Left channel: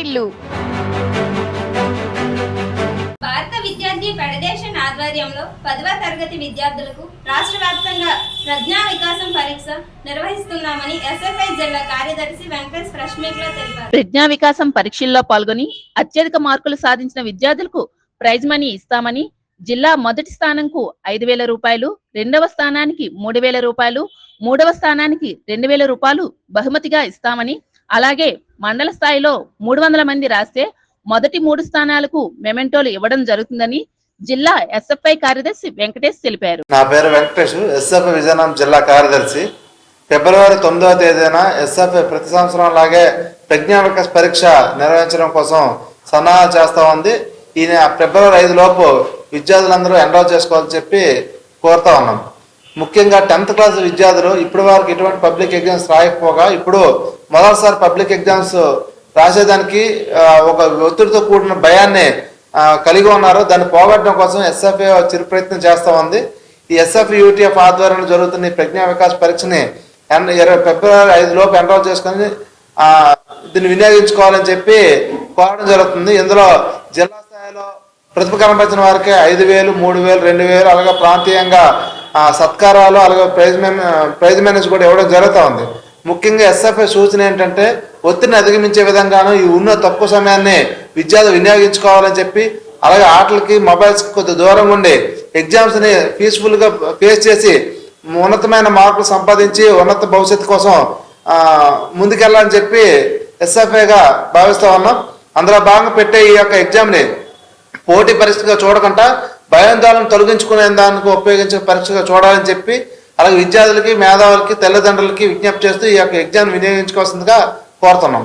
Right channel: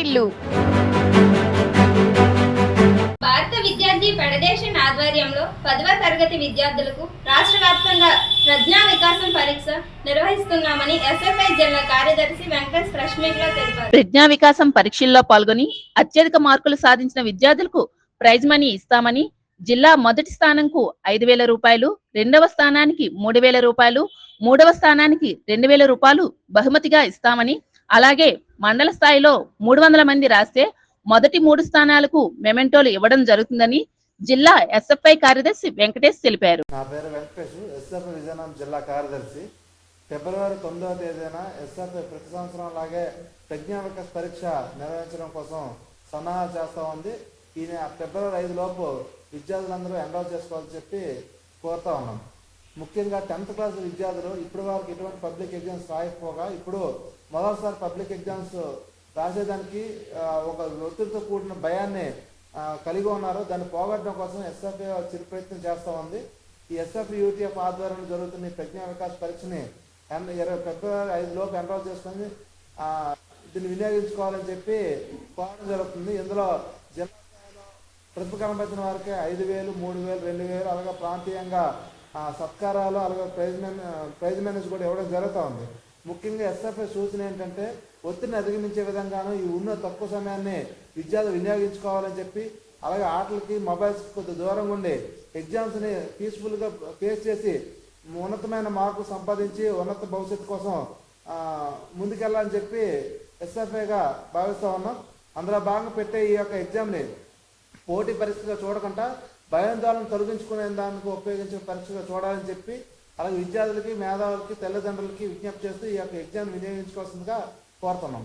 వాటిల్లు. భారత విద్యార్థి ఫెడరేషన్ ఆధ్వర్యంలో 10వ తరగతి విద్యార్థులకు రాష్ట్ర వ్యాప్తంగా ప్రజ్ఞా వికాసం పరీక్ష నిర్వహిస్తున్నామని ఎస్ఎఫ్ఐ జిల్లా కార్యదర్శి వెంకటేష్ ప్రెస్ మీట్ లో తెలిపారు. ప్రజ్ఞా వికాసం పరీక్షల్లో పాల్గొని అత్యధిక మార్కులు సాధించిన విద్యార్థులకు ప్రైజ్ మనీ ఇస్తామని, జిల్లా మొదటి స్థానంకు 5,000 రూపాయలు, రెండవ స్థానానికి 3,000 రూపాయలు, మూడవ స్థానానికి 2,000 రూపాయలు బహుమతిగా ఇస్తామని, అలాగే మండల స్థాయిలో 300 మంది రాస్తే మొదటి 3 స్థానాలకు మెమెంటోలు ఇవ్వడం జరుగుతుందని జిల్లా ఎస్ఎఫ్ఐ కార్యదర్శి వెంకటేష్ తెలిపారు. నా పేరు వెంకటేష్, ఎస్ఎఫ్ఐ విజయనగరం జిల్లా కార్యదర్శి. ఫిబ్రవరి 9వ తేదీన ఎస్ఎఫ్ఐ ప్రతి సంవత్సరం లాగే ప్రజ్ఞా వికాస్ పరీక్ష నిర్వహించడం కోసం సన్నాహాలు చేస్తా ఉంది. ఈ ఫిబ్రవరి 5 లోపు విద్యార్థులందరూ ఎన్రోల్ చేసుకోవాలని చెప్పి కోరుతా ఉన్నాం. ముఖ్యంగా 10th క్లాస్ విద్యార్థులు ఇప్పటి వరకు ఇటువంటి పబ్లిక్ ఎగ్జామ్స్ రాయకపోగా ఇప్పుడు మొదటిసారి పబ్లిక్ ఎగ్జామ్స్ రాసేదానికి ఒక ఒత్తిడితో కూడిన భయాన్ని కలిగి ఉన్నారు. దాన్ని పోగొట్టడం కోసం ఎస్ఎఫ్ఐ చిరు ప్రయత్నం చేస్తూ ఉంది. ఈ ఎస్ఎఫ్ఐ యూటీఎఫ్ ఆధ్వర్యంలో జరుగుతున్న ఈ ప్రజ్ఞా వికాస్ పరీక్షని ఫిబ్రవరి 5 లోపు ఎన్రోల్ చేసుకొని దీన్ని వినియోగించుకోవాలని చెప్పి కోరడం జరుగుతుంది. ఇందులో జిల్లా స్థాయిలో ప్రతిభ కనబరిచిన వారికి 5,000, 3,000, 2,000 అలాగే ప్రాంతీయంగా సత్కారాలు అలాగే ప్రైజ్ మేనేజ్ కూడా ఇవ్వడం జరుగుతూ ఉంది. ముఖ్యంగా ఎస్ఎఫ్ఐ సూచన ఏంటంటే ఒత్తిడిని అధిగమించే విధంగాను ఈ ఉన్న తక్కువ సమయాన్ని విద్యార్థులు వినియోగించుకోవాలని చెప్పి, అలాగే ఆటలకి మొబైల్స్కి కొద్ది దూరంగా ఉండి ఎగ్జామ్స్ని పీస్ఫుల్గా ఫేస్ చేసి ఉన్నతమైన మార్కులు సంపాదించి ఉన్నత భవిష్యత్తు కోసం ముందుకెళ్ళాలని చెప్పి ఎస్ఎఫ్ఐగా భావిస్తూ ఉన్నాం. అందులో భాగంగా పెట్టే ఈ యొక్క ఎగ్జామ్ని పోటీ పరీక్షగా చూడకుండా భయాందోళన తొలగించుకునే దానికి ఉపయోగించే పరీక్షగా చూడాలని చెప్పి, అలాగే విద్యార్థులకి, మేధావులకి, తల్లిదండ్రులకి విజ్ఞప్తి చేస్తూ ఈ యొక్క ఎగ్జామ్ వినియోగించుకోవాల్సిందిగా కోరుతున్నాం.